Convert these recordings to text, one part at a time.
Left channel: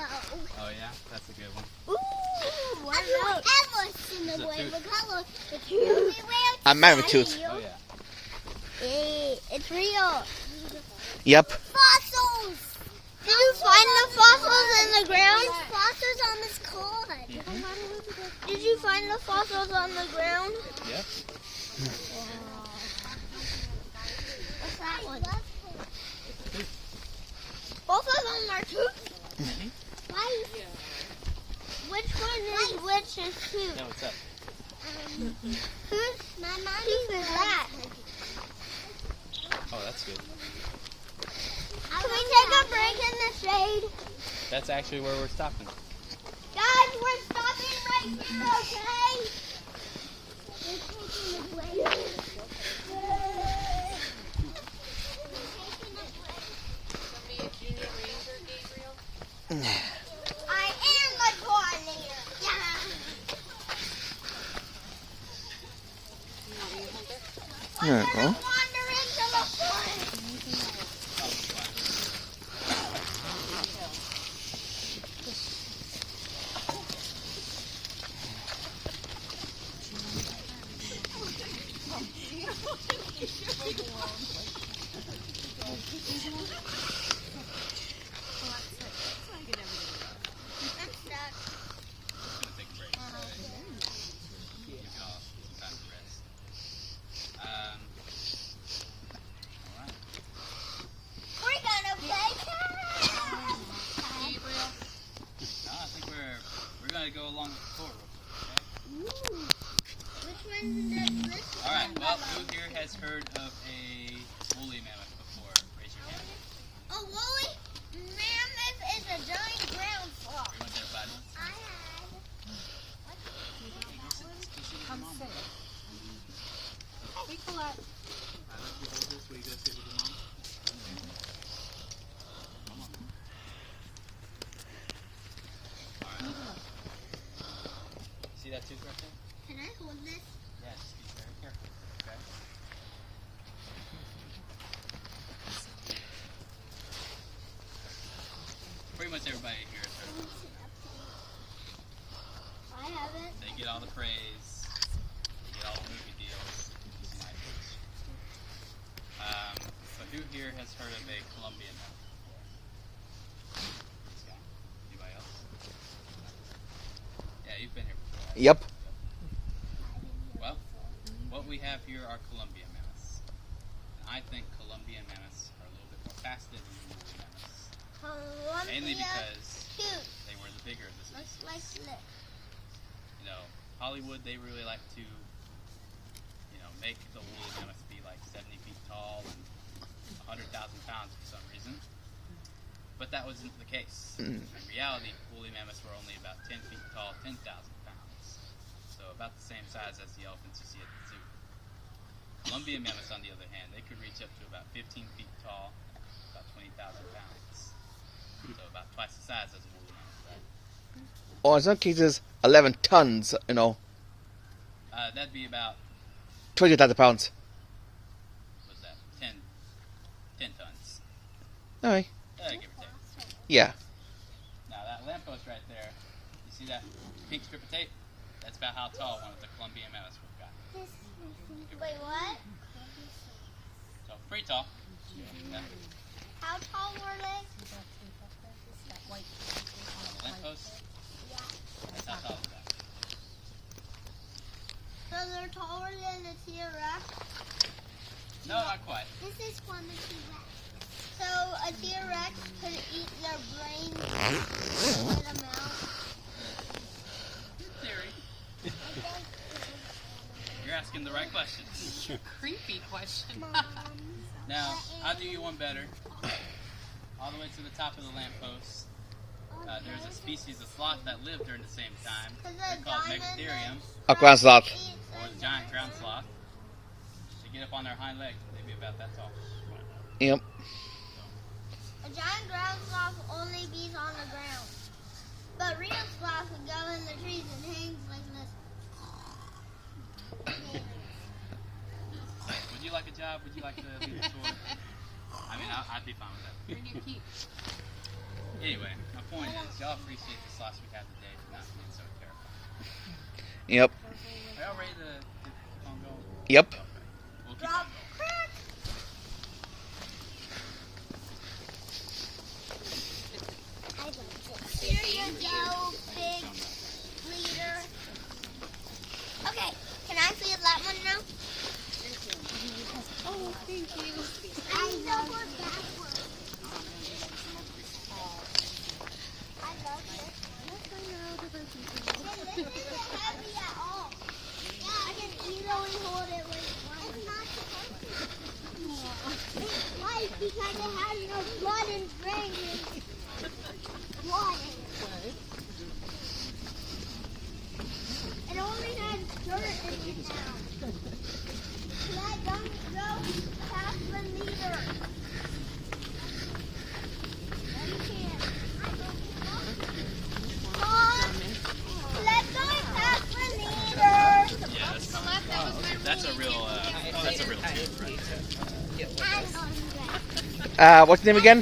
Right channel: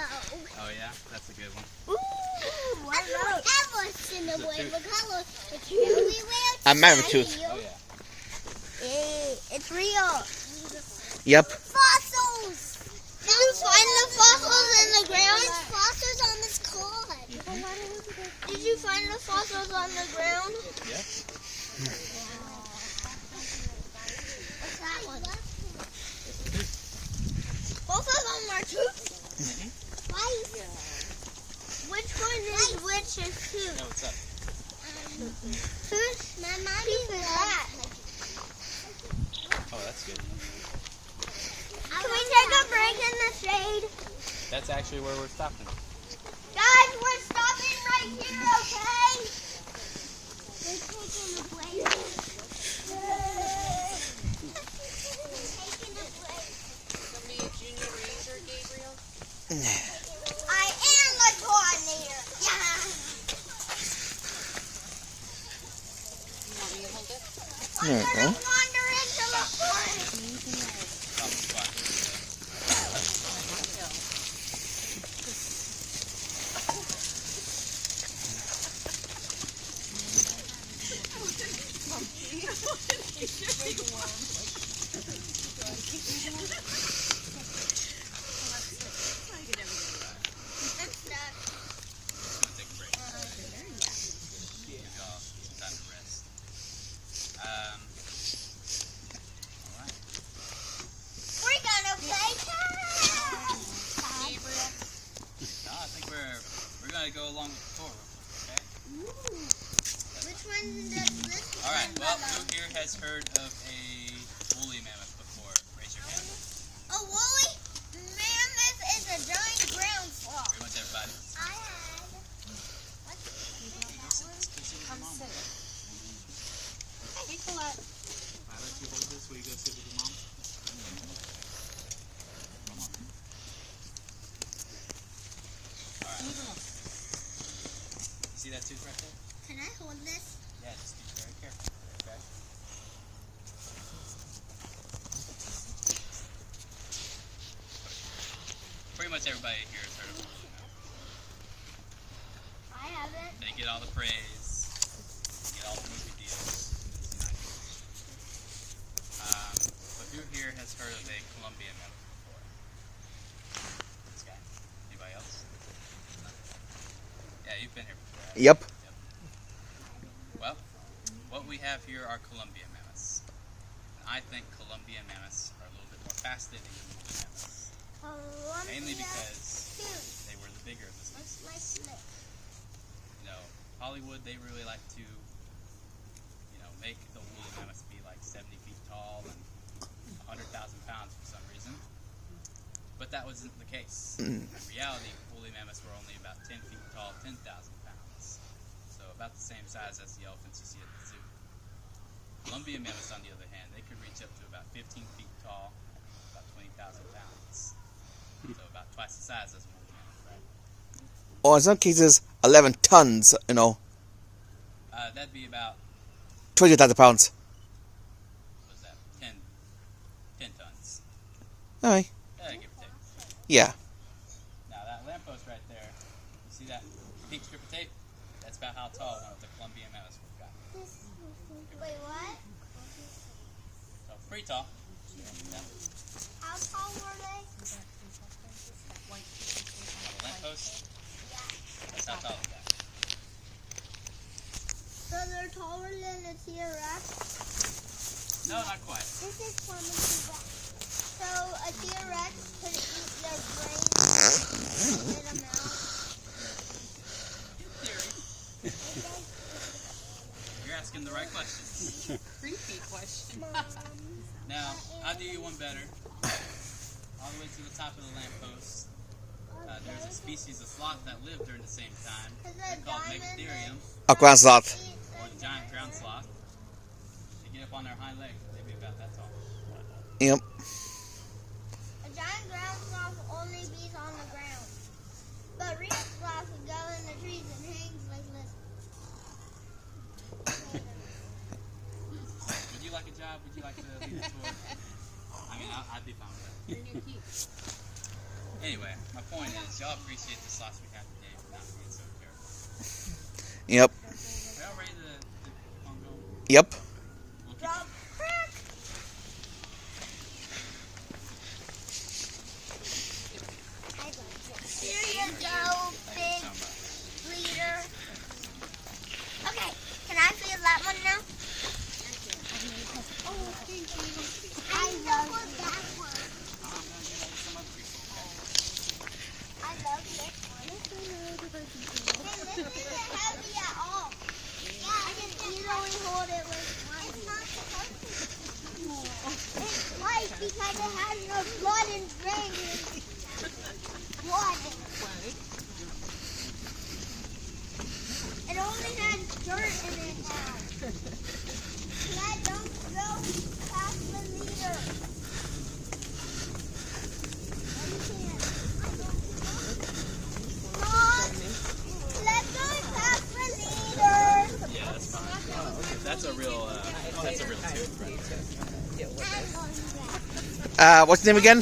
Oh yeah, that's a good one. Ooh, what else? I've ever seen the way the color. It's really real. A mammoth tooth. Oh yeah. It's real. Yep. Fossils. Did you find the fossils in the ground? There's fossils on this card. Did you find the fossils on the ground? Yep. What's that one? Fossils on our tooth? Why? Which one is which is tooth? No, what's up? Tooth is that. Oh, that's good. Can we take a break in the shade? That's actually where we're stopping. Guys, we're stopping right here, okay? We're taking a break. Be a junior ranger, Gabriel? I am a tornado. Yeah. You want me to hold it? There we go. Wander into the forest. Just gonna take a break. Give y'all some time to rest. Alright. We're gonna play tag. No, I think we're gonna go along with the tour real quick, okay? Which one does this one? Alright, well, who here has heard of a woolly mammoth before? Raise your hand. A woolly mammoth is a giant ground sloth. Pretty much everybody. I have. Hey, go sit with your mom. Okay? Hey, Colette. I let you hold this while you go sit with your mom. Come on. Alright. See that tooth right there? Can I hold this? Yeah, just be very careful. Okay? Pretty much everybody here has heard of a woolly mammoth. I haven't. They get all the praise. They get all the movie deals. It's nice. But who here has heard of a Columbian mammoth before? This guy? Anybody else? No? Yeah, you've been here before, right? Yep. Well, what we have here are Columbian mammoths. And I think Columbian mammoths are a little bit more fascinating than woolly mammoths. Mainly because they were the bigger of the species. You know, Hollywood, they really like to, make the woolly mammoths be like 70 feet tall and 100,000 pounds for some reason. But that wasn't the case. In reality, woolly mammoths were only about 10 feet tall, 10,000 pounds. So about the same size as the elephants you see at the zoo. Columbian mammoths, on the other hand, they could reach up to about 15 feet tall, about 20,000 pounds. So about twice the size as a woolly mammoth, right? Or in some cases, 11 tons, That'd be about, 20,000 pounds. what's that, 10 tons. Aye. Give or take. Yeah. Now that lamppost right there, you see that pink strip of tape? That's about how tall one of the Columbian mammoths would have got. Wait, what? So pretty tall. Yeah. How tall were they? On the lamppost, that's how tall they got. So they're taller than a T-Rex? No, not quite. This is from a T-Rex. So a T-Rex could eat their brains and spit them out? In theory. You're asking the right questions. Creepy question. Now, I'll do you one better. All the way to the top of the lamppost, there's a species of sloth that lived during the same time. They're called Megatherium, A ground sloth. or the giant ground sloth. They get up on their hind legs, they'd be about that tall. Yep. A giant ground sloth only bees on the ground. But real sloths would go in the trees and hangs like this. Would you like a job? Would you like to lead the tour? I mean, I'd be fine with that. Bring your keys. Anyway, my point is, y'all appreciate the slots we have today for not being so terrible. Yep. Are y'all ready to keep on going? Yep. Okay. We'll keep on going. Here you go, big leader. Okay, can I feel that one now? Oh, thank you. I love that one. I love this one. This isn't heavy at all. Yeah, I can easily hold it with one. It's not supposed to. It's light because it has no blood and brain. Blood in it. It only has dirt in it now. Let don't go past the meter. No, you can't. Mom, let go past the meter. Yeah, that's a real tooth right there. I'm going back. What's your name again?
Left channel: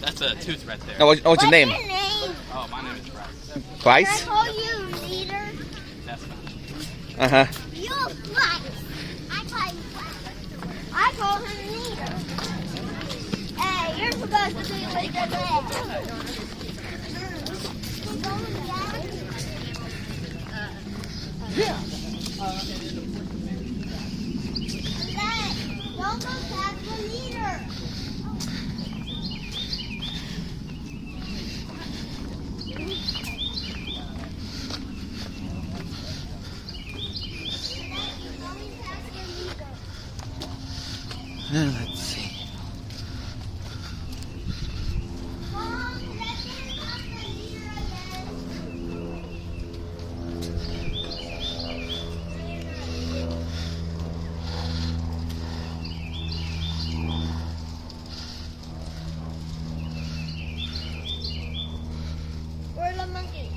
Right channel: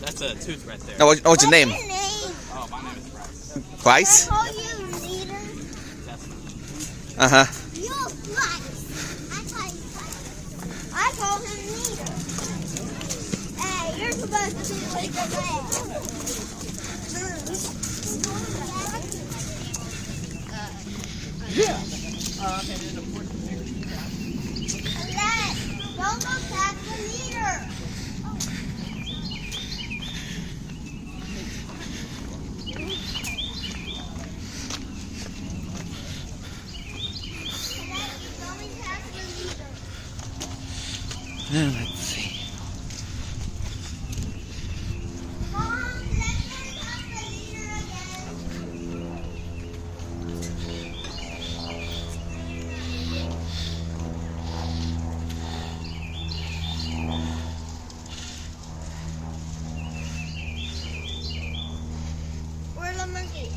That's a tooth right there. Oh, what's your name? Oh, my name is Bryce. Bryce? Can I call you leader? That's fine. Uh-huh. You Bryce. I call you Bryce. I call him leader. Hey, you're supposed to be with the band. Don't go past the leader. Let's see. Mom, let's get past the leader again. Where's the monkey?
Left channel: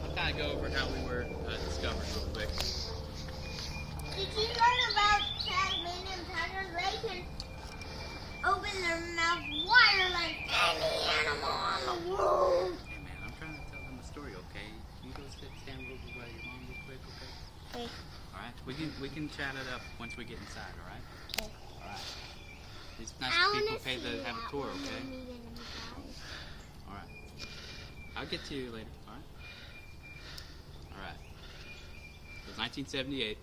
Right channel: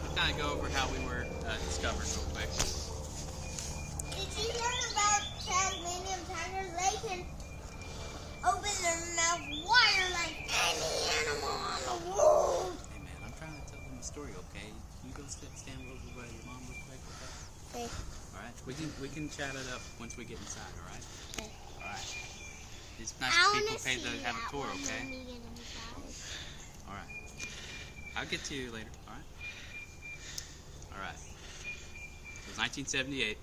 I'll kind of go over how we were discovered real quick. Did you learn about Tasmanian tigers? They can open their mouth wider like any animal on the world. Hey man, I'm trying to tell them the story, okay? Can you go stand a little bit by your mom real quick, okay? Okay. Alright, we can chat it up once we get inside, alright? Okay. Alright. These nice I wanna people paid to see have that a tour, one okay? when we get inside. Alright. I'll get to you later, alright? Alright. It was 1978.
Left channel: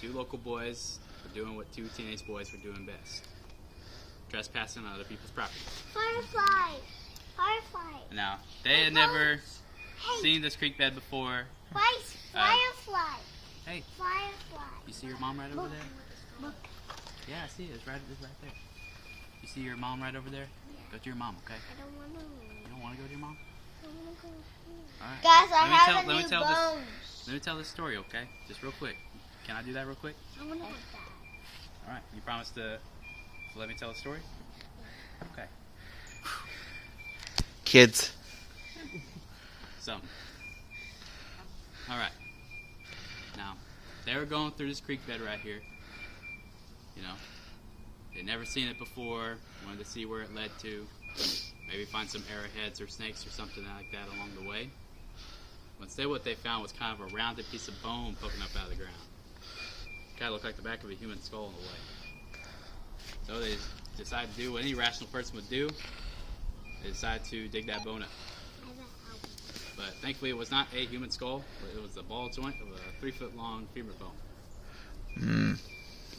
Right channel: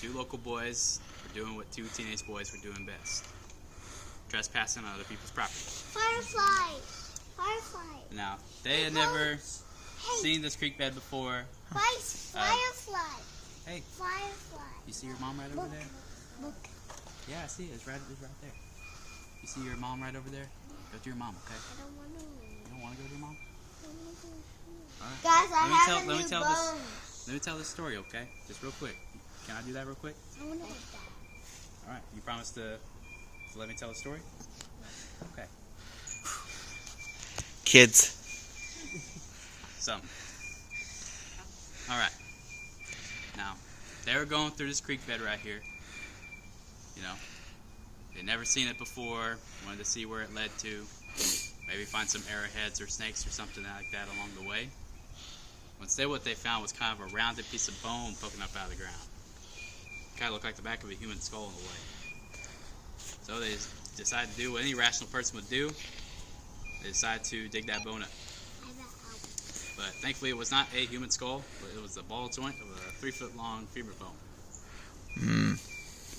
Two local boys were doing what two teenage boys were doing best. Trespassing on other people's property. Firefly. Firefly. Now, they had never Hey, seen this creek bed before. Firefly. Hey, Firefly. you see your mom right over there? Look. Yeah, I see it. It's right there. You see your mom right over there? Go to your mom, okay? I don't want to. You don't want to go to your mom? Alright. Guys, I have let me new tell bones. Let me tell this story, okay? Just real quick. Can I do that real quick? I want to have that. Alright. You promise to let me tell the story? Okay. Kids. Something. Alright. Now, they were going through this creek bed right here. You know, they'd never seen it before, wanted to see where it led to. Maybe find some arrowheads or snakes or something like that along the way. Instead, what they found was kind of a rounded piece of bone poking up out of the ground. Kind of looked like the back of a human skull in a way. So they decided to do what any rational person would do. They decided to dig that bone up. But thankfully, it was not a human skull, but it was a ball joint of a 3-foot-long femur bone.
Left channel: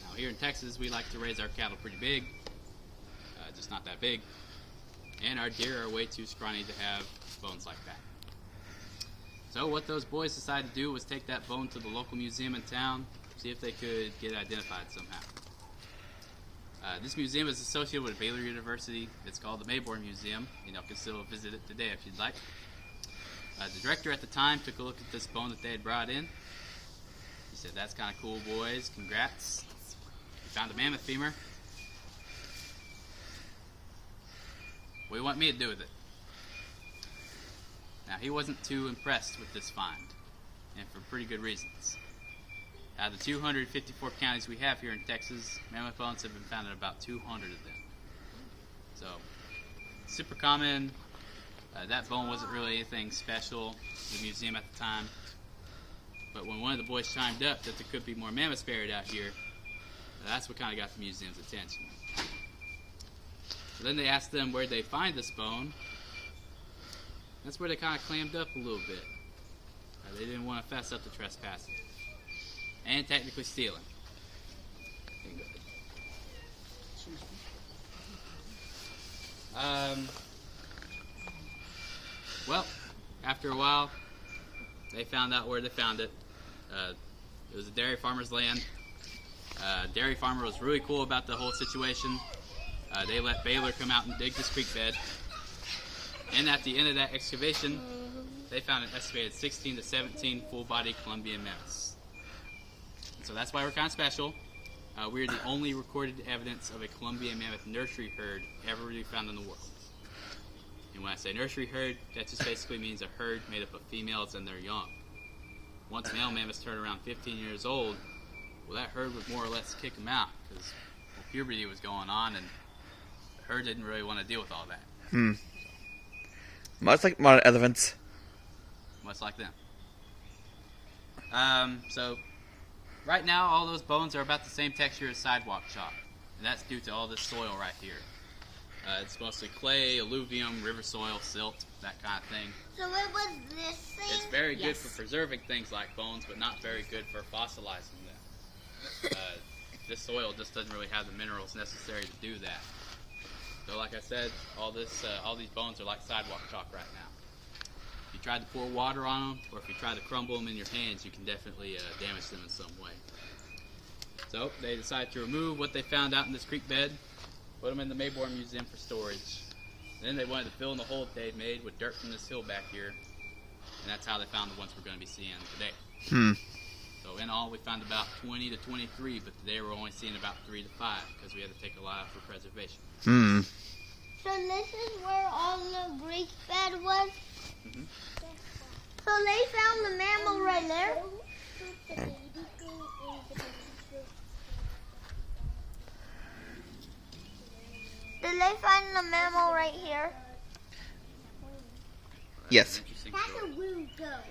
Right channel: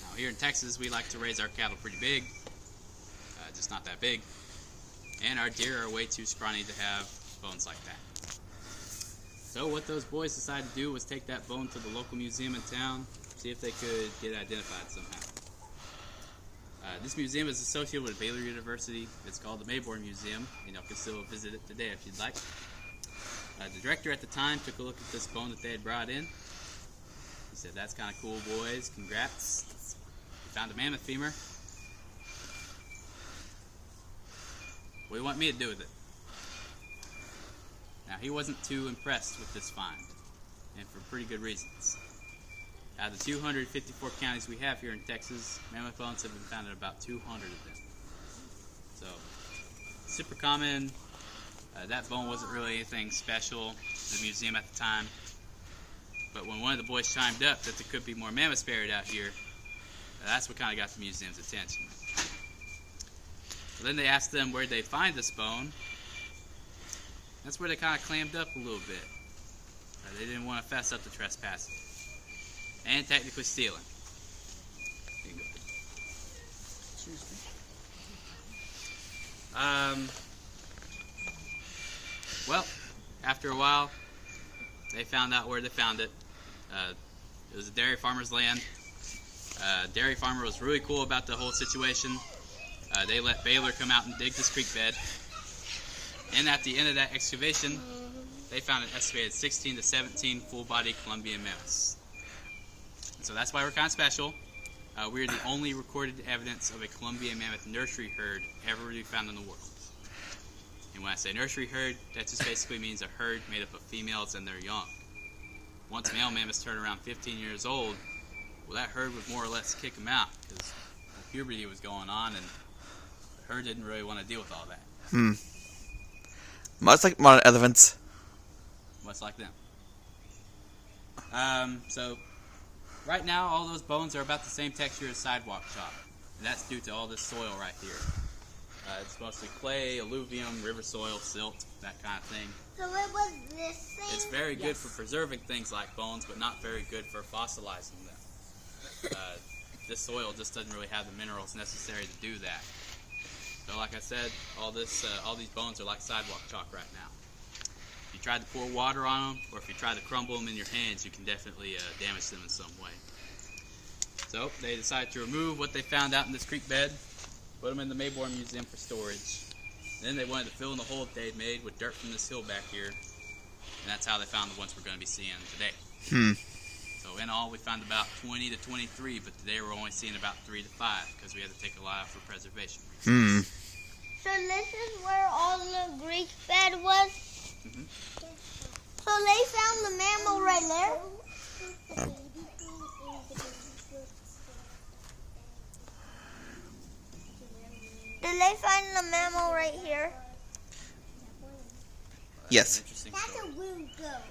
Now, here in Texas, we like to raise our cattle pretty big, just not that big. And our deer are way too scrawny to have bones like that. So what those boys decided to do was take that bone to the local museum in town, see if they could get it identified somehow. This museum is associated with Baylor University. It's called the Mayborn Museum, and y'all can still visit it today if you'd like. The director at the time took a look at this bone that they had brought in. He said, "That's kind of cool, boys. Congrats. We found a mammoth femur." What do you want me to do with it? Now, he wasn't too impressed with this find, and for pretty good reasons. Out of the 254 counties we have here in Texas, mammoth bones have been found in about 200 of them. So, super common. That bone wasn't really anything special to the museum at the time. But when one of the boys chimed up that there could be more mammoths buried out here, that's what kind of got the museum's attention. So then they asked them where they find this bone. That's where they kind of clammed up a little bit. They didn't want to fess up to trespassing and technically stealing. Well, after a while, they found out where they found it. It was a dairy farmer's land. Dairy farmer was really cool about the whole situation. They let Baylor come out and dig this creek bed. And at the end of that excavation, they found an estimated 16 to 17 full-body Columbian mammoths. And so that's why we're kind of special. We're the only recorded evidence of a Columbian mammoth nursery herd ever to be found in the world. And when I say nursery herd, that just basically means a herd made up of females and their young. Once male mammoths turned around 15 years old, well, that herd would more or less kick them out because puberty was going on and the herd didn't really want to deal with all that. Much like modern elephants. Much like them. So, right now, all those bones are about the same texture as sidewalk chalk. And that's due to all this soil right here. It's mostly clay, alluvium, river soil, silt, that kind of thing. So it was this thing? It's very good for preserving things like bones, but not very good for fossilizing them. This soil just doesn't really have the minerals necessary to do that. So like I said, all these bones are like sidewalk chalk right now. If you tried to pour water on them, or if you try to crumble them in your hands, you can definitely damage them in some way. So they decided to remove what they found out in this creek bed, put them in the Mayborn Museum for storage. And then they wanted to fill in the hole that they had made with dirt from this hill back here. And that's how they found the ones we're going to be seeing today. So in all, we found about 20 to 23, but today we're only seeing about 3 to 5 because we had to take a lot out for preservation. So this is where all the Greek bed was? So they found the mammal right there? Did they find the mammal right here? Yes. That's a rude goat.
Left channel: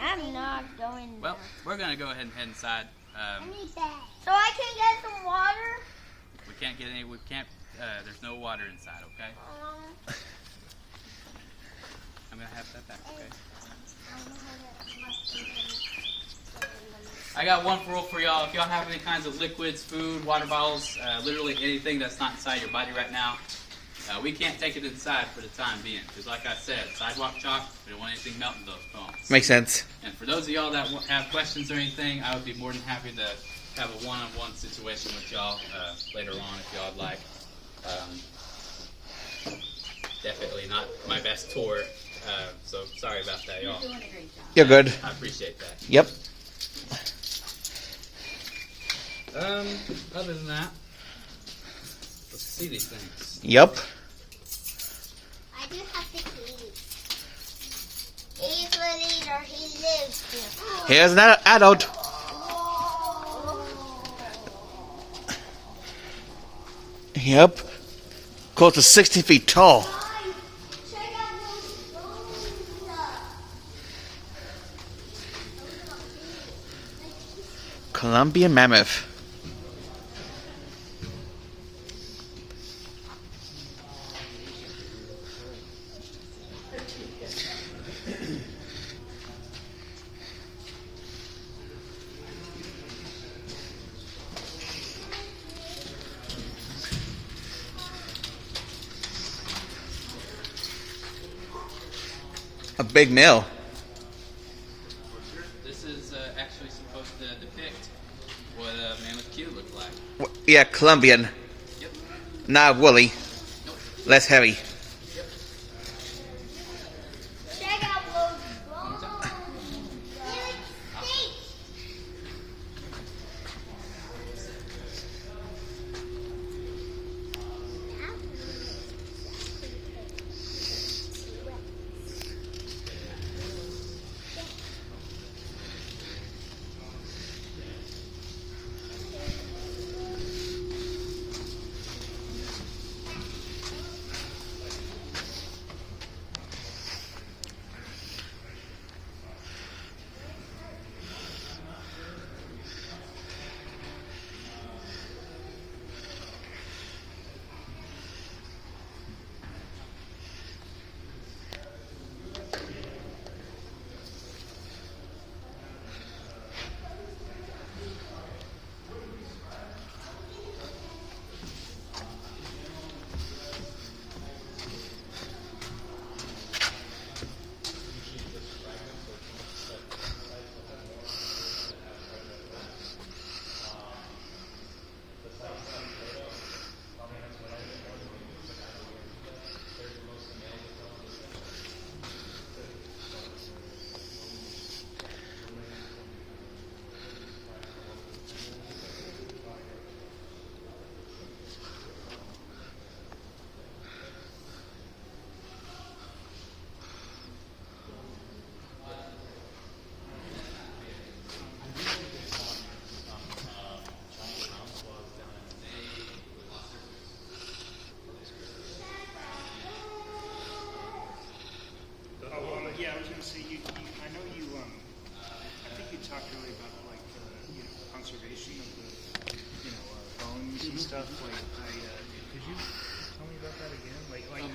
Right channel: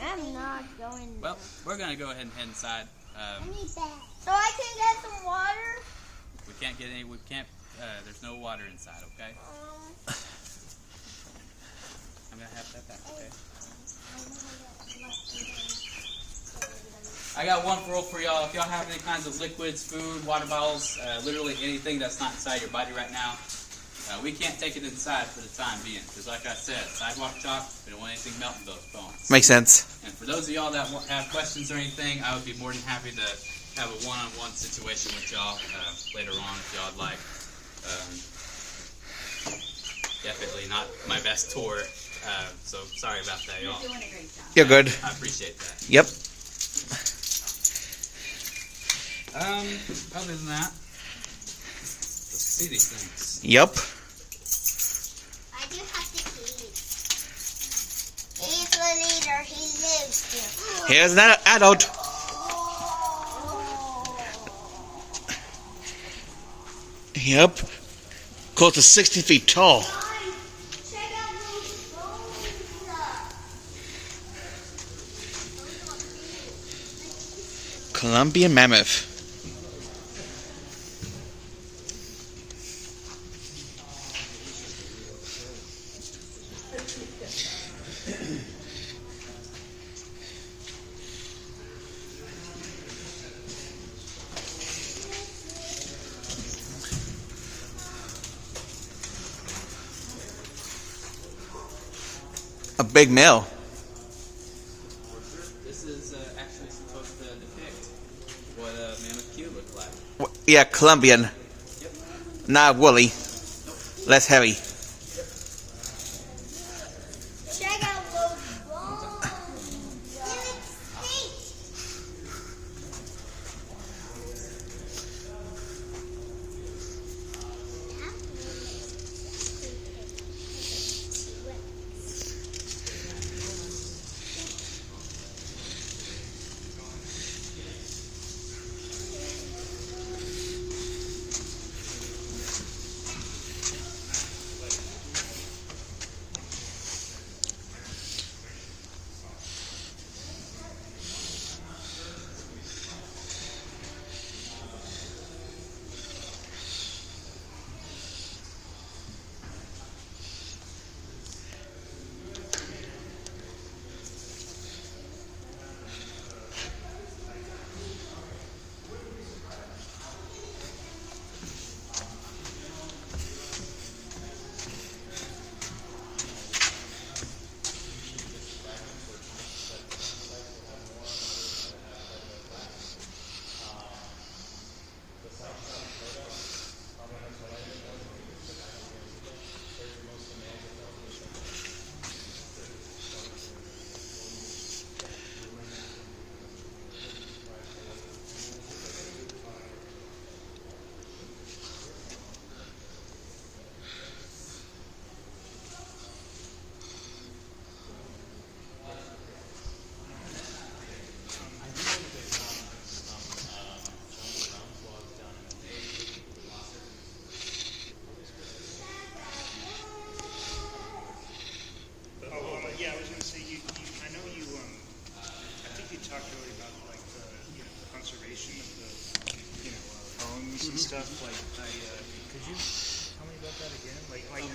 I'm not going. Well, we're going to go ahead and head inside. I need that. So I can get some water? We can't get any, there's no water inside, okay? I'm going to have that back, okay? I got one rule for y'all. If y'all have any kinds of liquids, food, water bottles, literally anything that's not inside your body right now, we can't take it inside for the time being. Because like I said, sidewalk chalk, we don't want anything melting those bones. Makes sense. And for those of y'all that have questions or anything, I would be more than happy to have a one-on-one situation with y'all later on if y'all would like. Definitely not my best tour, so sorry about that, y'all. You're doing a great job. You're good. I appreciate that. Yep. Other than that, let's see these things. Yep. I do have the keys. He's the leader. He lives here. Here's an adult. Yep. Close to 60 feet tall. Guys, check out those bones. Columbian Mammoth. A big nail. This is actually supposed to depict what a mammoth Q looked like. Yeah, Columbian. Yep. Not woolly. Less heavy. Check out those bones. They're extinct.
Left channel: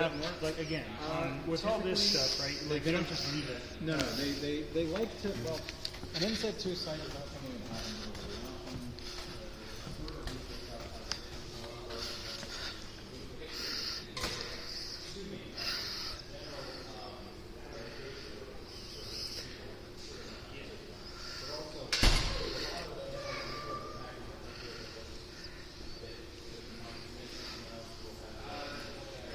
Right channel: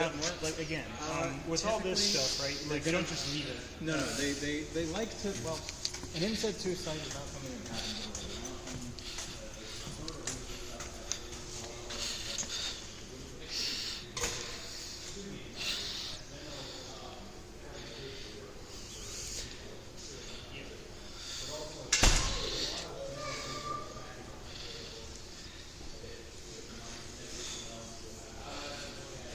doesn't work. Like again, with all this stuff, right? Like they don't just leave it. No, they like to. Well, an insect suicide is not something that happens